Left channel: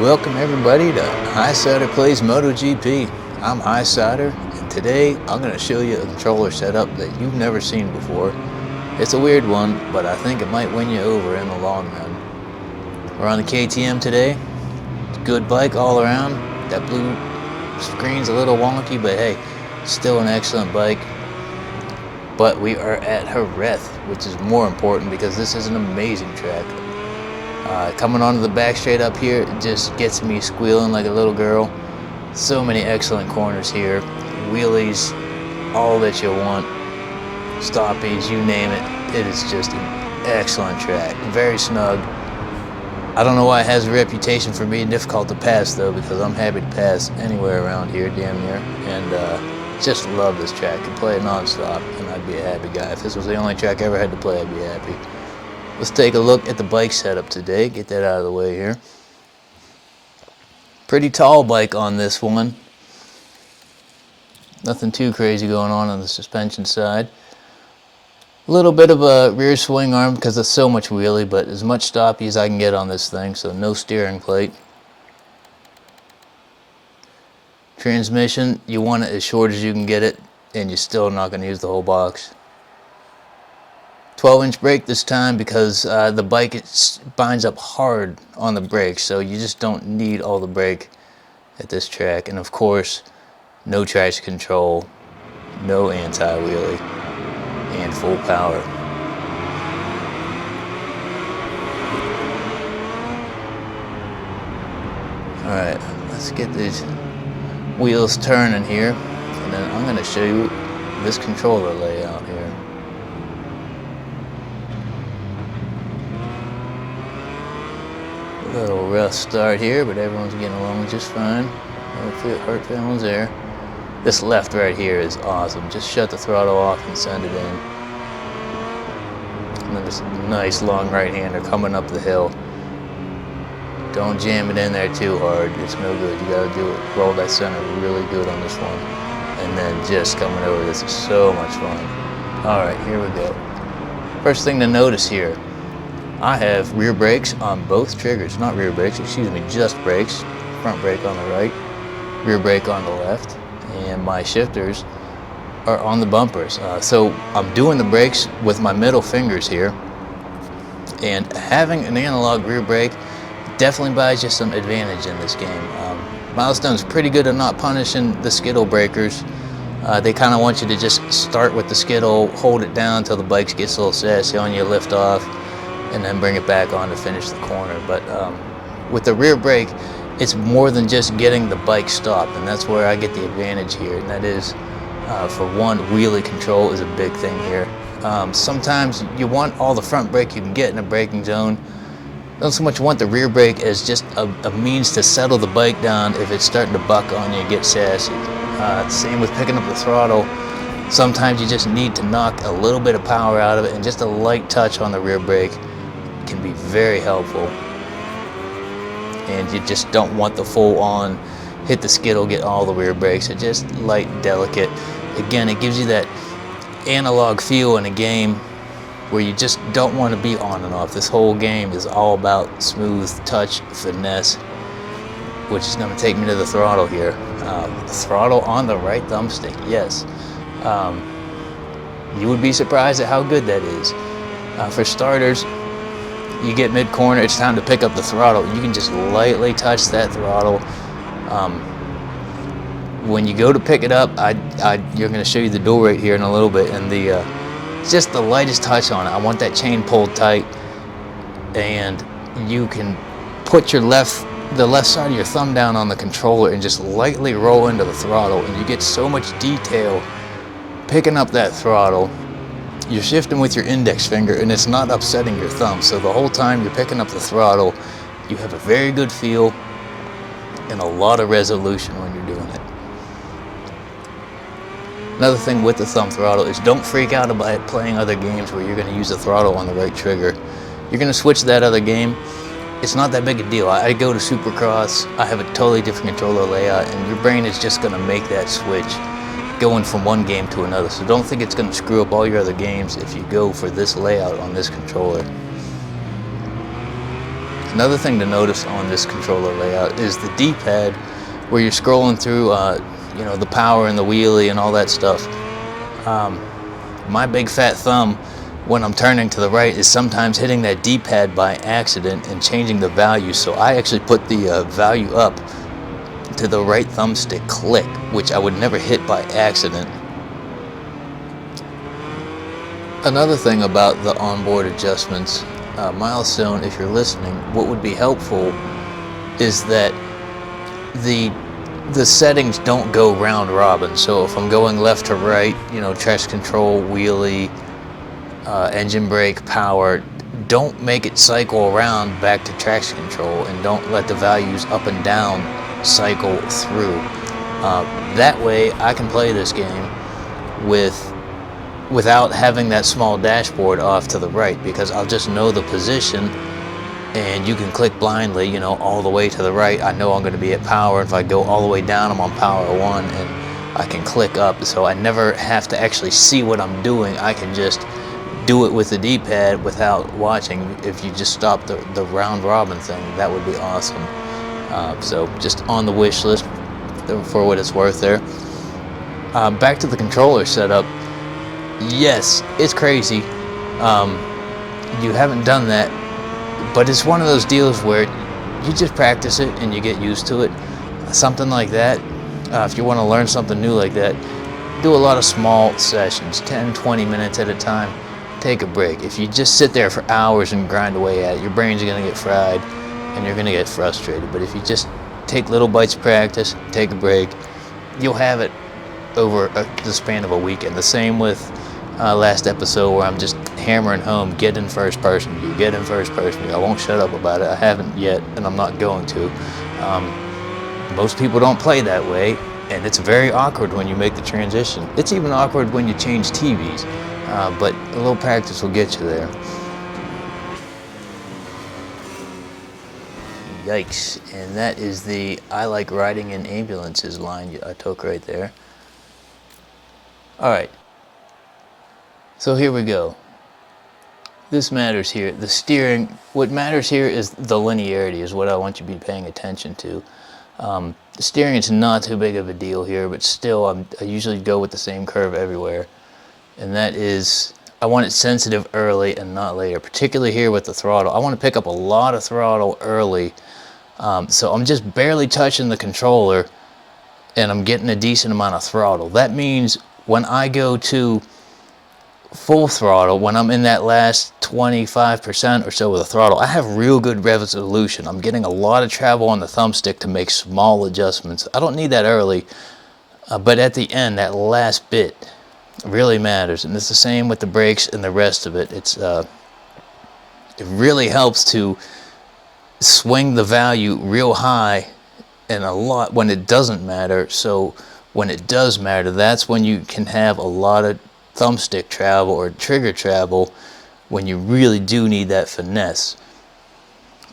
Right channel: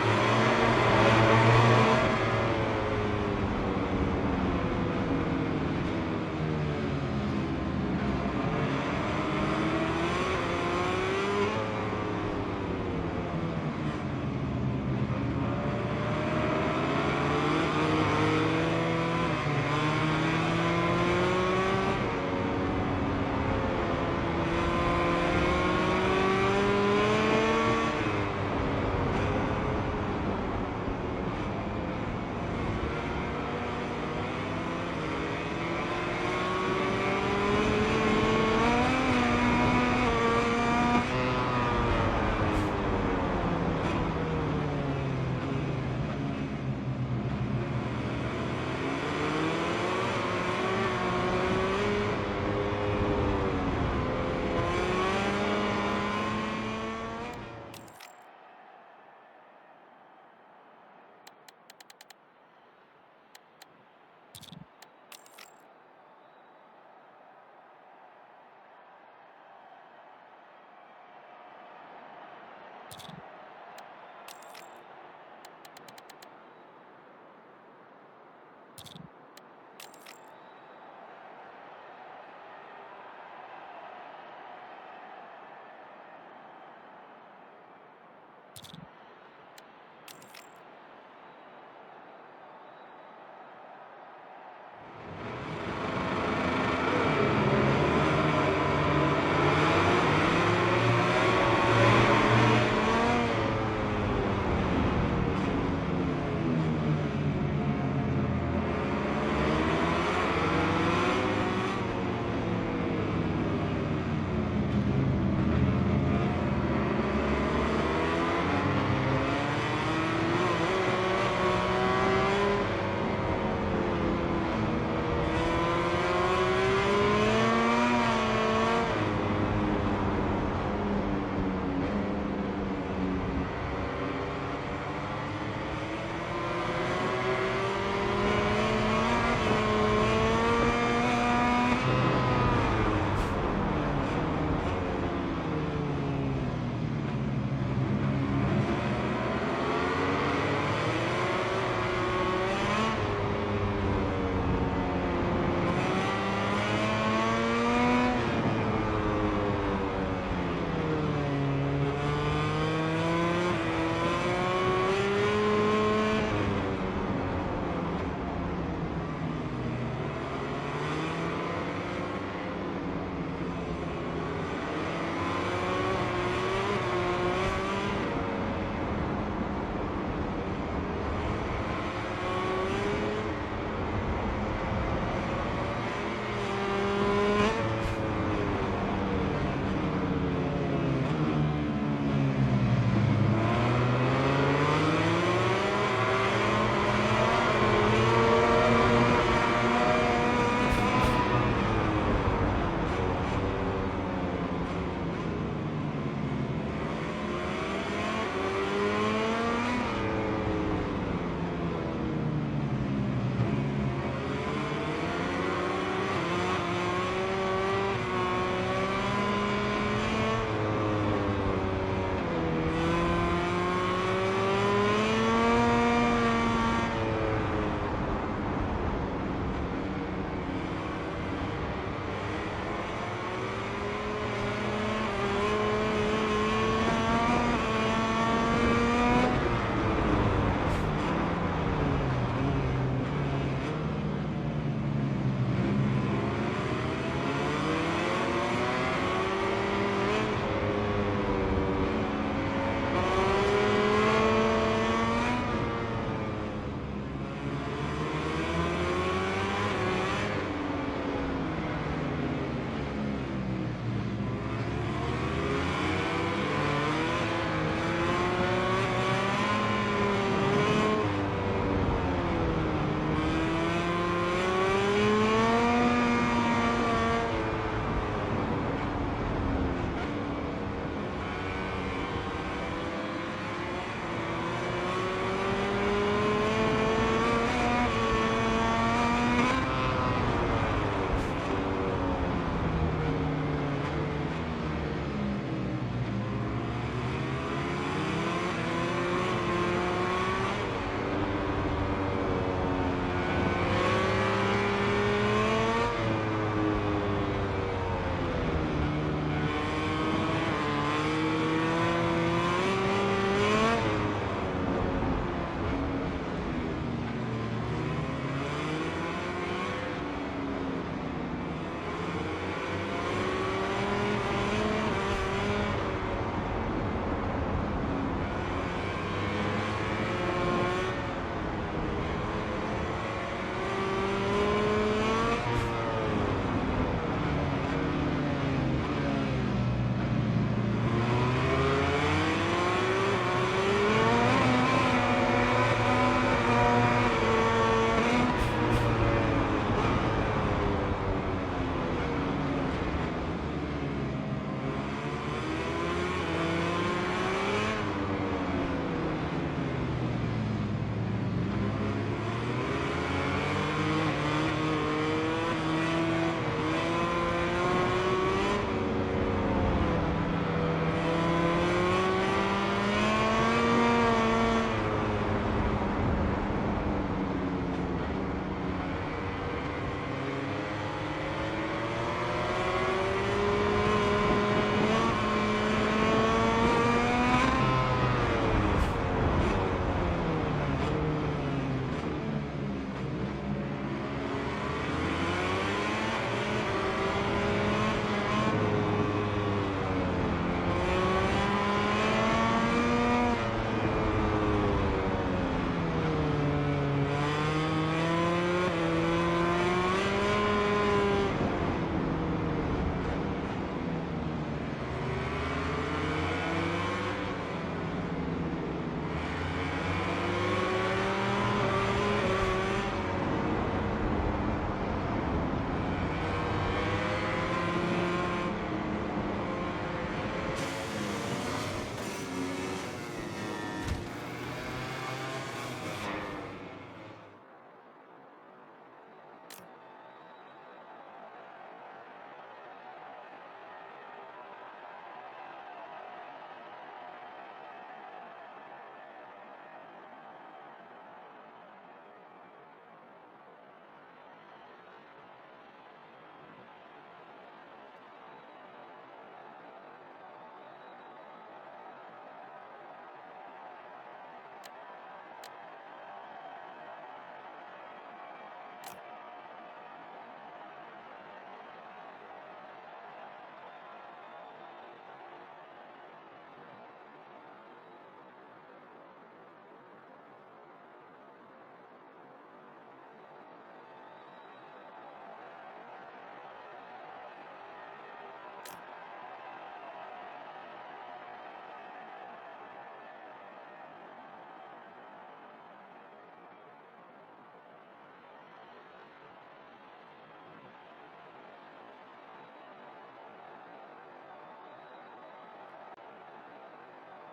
Welcome everybody to Highsider Plays MotoGP. I'm Highsider, and today I'm going to show you a controller setup that you've never seen before. It's a weird one, but I think it might win you over in the long run. We're on the KTM today. Good bike all around. That blue screen's a little wonky, but hey, still an excellent bike. But we are at Jerez, which is more important because this is an amazing track. Coming onto the back straight up here, it just gets me squealing like a little girl. So many excellent corners here, wheelies, all that you want, stoppies, you name it. It is just an excellent track, very snug. I don't know why it has a reputation for being difficult to pass though, because I'm happy to pass anywhere around here, damn near, and just love this track. To play non-stop, and I'd be a happy guy. If this was the only track I ever had to play, I'd be happy. Let's take a look at the bike setup today, get that out of the way here. Pretty tall bike on this one. Nothing too crazy going on the suspension side. A little bit of a rear swing arm because there's so much wheelie, but as much stoppy as I can get on this thing, so no steering plate. Transmission, you want it as short as you can get it, and you're still not going to use the whole box. 12-inch brake this time because the bike binds up hard on the brakes, so you just don't need all the brake at this track. And of course, no traction control, no anti-wheelie, and full power. Alright, let's get these wheels turning here, and then I'm going to show you this controller layout. Rough start here, but everyone's getting along just fine. Hopefully our turn there. This left right here is awesome. Just shut the throttle off and send it in. And this nice long right-hander coming up the hill. Don't jam it in there too hard. It's no good. You gotta do it. Roll that center really good on this one. And then just coming over. This is so much fun. Alright, here we go. First thing to notice here. I have rear brakes on both triggers, not rear brakes, excuse me, just brakes. Front brake on the right, rear brake on the left, and my shifters are on the bumpers. So I'm doing the brakes with my middle fingers here, and having an analog rear brake definitely buys you some advantage in this game. Milestone's pretty good at not punishing the skittle breakers. They kind of want you to just start with the skittle, hold it down until the bike gets a little sassy on you, lift off, and then bring it back on to finish the corner. But with the rear brake, it's more than just getting the bike stopped, and that's where I get the advantage here. And that is, for one, wheelie control is a big thing here. Sometimes you want all the front brake you can get in a braking zone. Don't so much want the rear brake as just a means to settle the bike down if it's starting to buck on you and get sassy. Same with picking up the throttle. Sometimes you just need to knock a little bit of power out of it, and just a light touch on the rear brake can be very helpful. And you just don't want the full on hit the skittle, get all the rear brakes. It's just light, delicate. Again, it gives you that analog feel in a game where you just don't want to be on and off. This whole game is all about smooth touch, finesse, which is going to take me to the throttle here. Throttle on the right thumbstick, yes. You would be surprised at how good that is. For starters, you get mid-corner, it's time to pick up the throttle. You can just lightly touch that throttle. When you go to pick it up, you're going to show you the door right here in a little bit, and it's just the lightest touch on it. I want that chain pulled tight, and you can put the left side of your thumb down on the controller and just lightly roll into the throttle, and you get so much detail picking up that throttle. You're shifting with your index finger, and it's not upsetting your thumb. So the whole time you're picking up the throttle, you have a very good feel and a lot of resolution when you're doing it. Another thing with the thumb throttle is don't freak out about playing other games where you're going to use the throttle on the right trigger. You're going to switch to that other game. It's not that big a deal. I go to Supercross, I have a totally different controller layout, and your brain is just going to make that switch going from one game to another. So don't think it's going to screw up all your other games if you go for this layout on this controller. Another thing to notice on this controller layout is the D-pad, where you're scrolling through, you know, the power and the wheelie and all that stuff. My big fat thumb, when I'm turning to the right, is sometimes hitting that D-pad by accident and changing the value. So I actually put the value up to the right thumbstick click, which I would never hit by accident. Another thing about the onboard adjustments, Milestone, if you're listening, what would be helpful is that the settings don't go round robin. So if I'm going left to right, you know, traction control, wheelie, engine brake, power, don't make it cycle around back to traction control, and don't let the values up and down cycle through. That way I can play this game without having that small dashboard off to the right, because I'll just know the position, and you can click blindly, you know, all the way to the right. I know I'm going to be at power. If I go all the way down, I'm on power 1, and I can click up, so I never have to actually see what I'm doing. I can just do it with the D-pad without watching. If you just stop the round robin thing, that would be awesome. So just on the wish list for what it's worth there. Back to the controller setup. Yes, it's crazy. You haven't done that, but it's one of those deals where you just practice it and you get used to it. Something like that, if you want to learn something new like that, do a lot of small sessions, 10, 20 minutes at a time. Take a break. If you just sit there for hours and grind away at it, your brain's going to get fried and you're going to get frustrated. But if you just take little bites of practice, take a break, you'll have it over the span of a weekend. The same with last episode, where I'm just hammering home, get in first person, you get in first person. I won't shut up about it. I haven't yet, and I'm not going to. Most people don't play that way, and it's very awkward when you make the transition. It's even awkward when you change TVs, but a little practice will get you there. Yikes, and that is the "I like riding in ambulances" line I took right there. All right. So here we go. This matters here. The steering, what matters here is the linearity, is what I want you to be paying attention to. The steering is not too big of a deal here, but still I usually go with the same curve everywhere. And that is, I want it sensitive early and not later, particularly here with the throttle. I want to pick up a lot of throttle early. So I'm just barely touching the controller and I'm getting a decent amount of throttle. That means when I go to full throttle, when I'm in that last 25% or so of the throttle, I have real good resolution. I'm getting a lot of travel on the thumbstick to make small adjustments. I don't need that early, but at the end, that last bit really matters. And it's the same with the brakes and the rest of it. It really helps to swing the value real high and a lot when it doesn't matter. So when it does matter, that's when you can have a lot of thumbstick travel or trigger travel, when you really do need that finesse.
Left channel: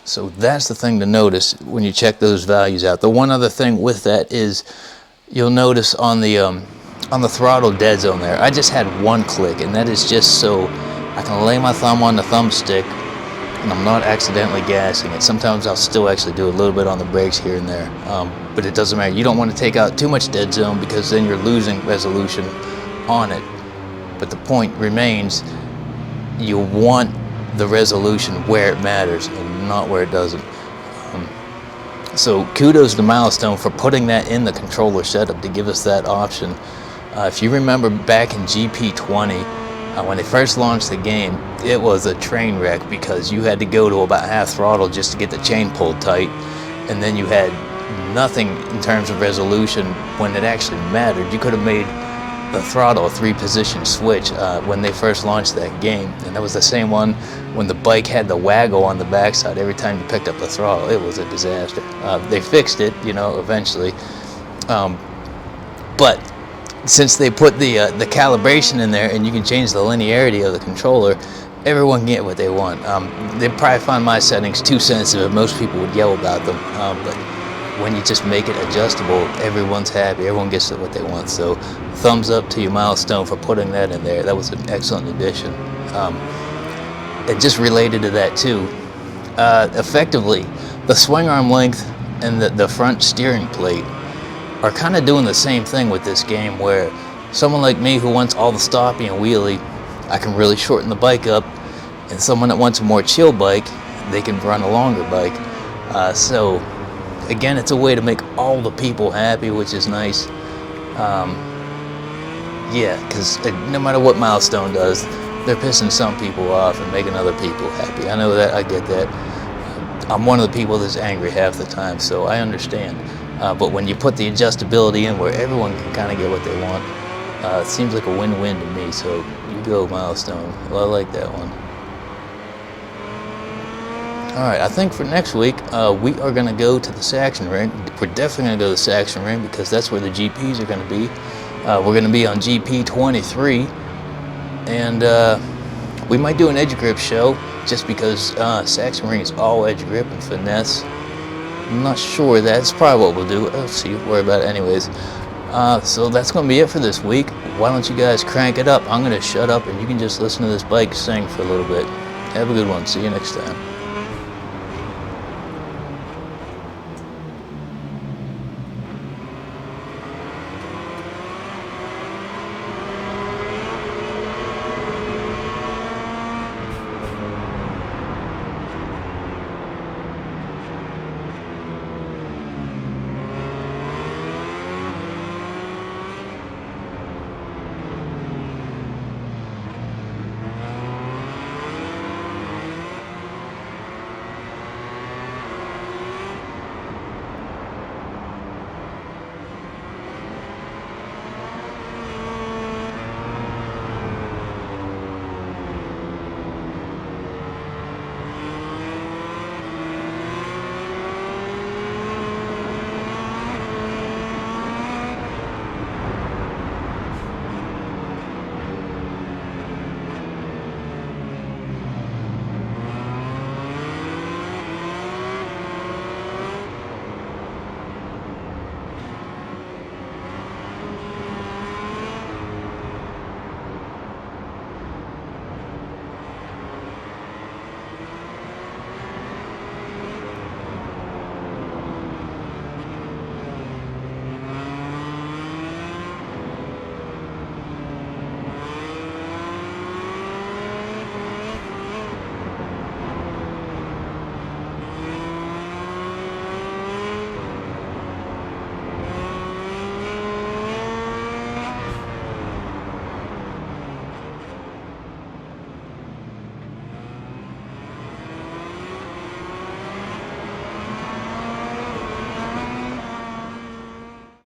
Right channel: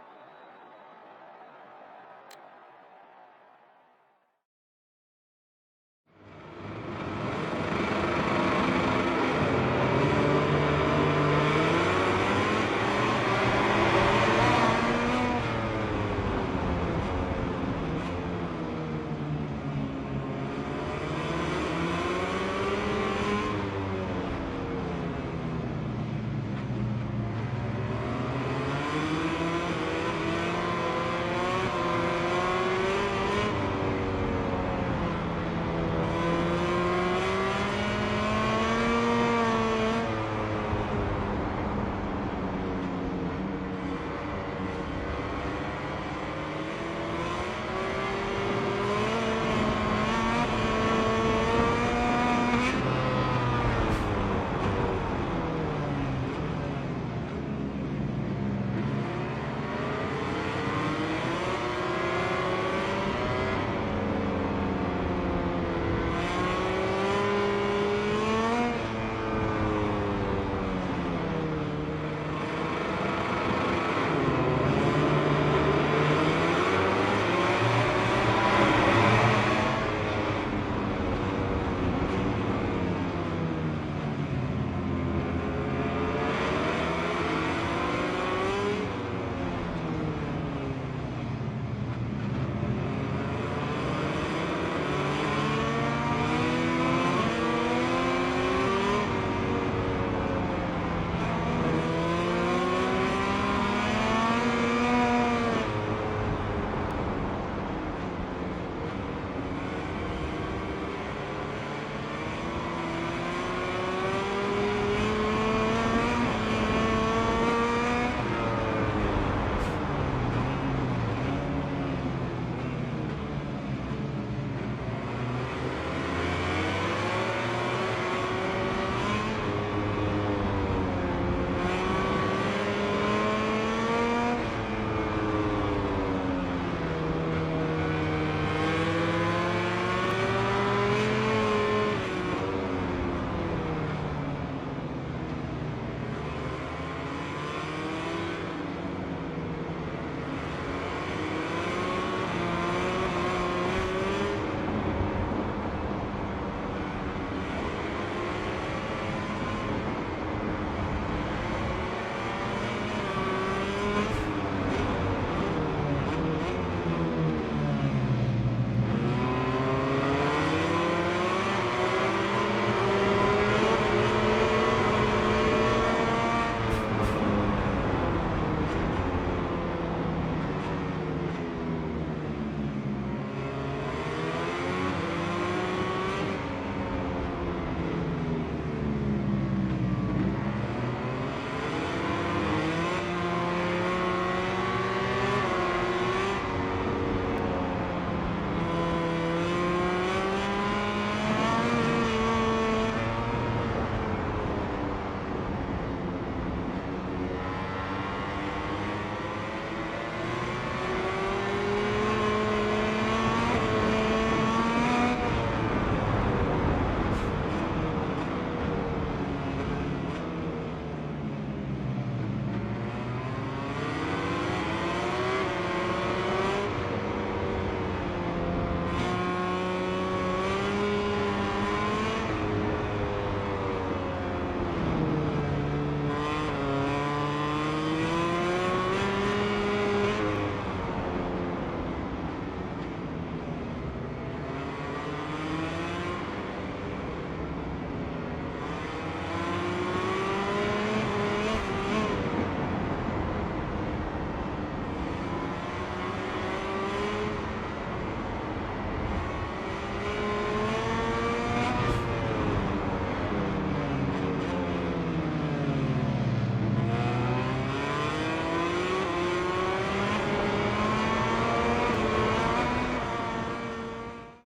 So that's the thing to notice when you check those values out. The one other thing with that is you'll notice on the throttle dead zone there, I just had one click, and that is just so I can lay my thumb on the thumbstick and I'm not accidentally gassing it. Sometimes I'll still actually do a little bit on the brakes here and there, but it doesn't matter. You don't want to take out too much dead zone, because then you're losing resolution on it. But the point remains, you want the resolution where it matters and not where it doesn't. So kudos to Milestone for putting that in the controller setup to give us that option. If you remember back in GP20, when they first launched the game, it was a train wreck, because you had to go to about half throttle just to get the chain pulled tight, and then you had nothing in terms of resolution when it actually mattered. You could have made the throttle a 3-position switch when they first launched that game, and that was the same one when the bike had the waggle on the backside every time you picked up the throttle. It was a disaster. They fixed it, you know, eventually, but since they put the calibration in there and you can change the linearity of the controller, everyone can get what they want. They probably find my settings too sensitive. Most people would yell about them, but when you just make it adjustable, everyone's happy. Everyone gets what they want. So thumbs up to you, Milestone, for putting that in there. That was an excellent addition. And just related to that too, Effectively, the swing arm length and the front steering plate are kind of doing the same thing with this game, where someone like me who wants all the stopping and wheelie, I can really shorten the bike up, and someone that wants a more chill bike, they can run a longer bike. So again, it's a way to make all the people happy, which is nice. Yeah, because no matter what Milestone does, they're pissing some people off and making other people happy. I know that, I get that. I'm one of the people that's angry half the time, so I understand. But when you put the adjustability in where everyone can kind of get what they want, it seems like a win-win to me, so you go Milestone. Well, I like that one. All right, I think for next week, we are going to go to the Saxon Ring. We're definitely going to go to the Saxon Ring because that's where the GPs are going to be. We're going to be on GP 23, and we might do an edge grip show just because Saxon Ring is all edge grip and finesse. I'm not sure that's probably what we'll do. We'll see, worry about it anyways. So that's going to be it for this week. Why don't you guys crank it up? I'm going to shut up and you can just listen to this bike sing for a little bit. Have a good one. See you next time.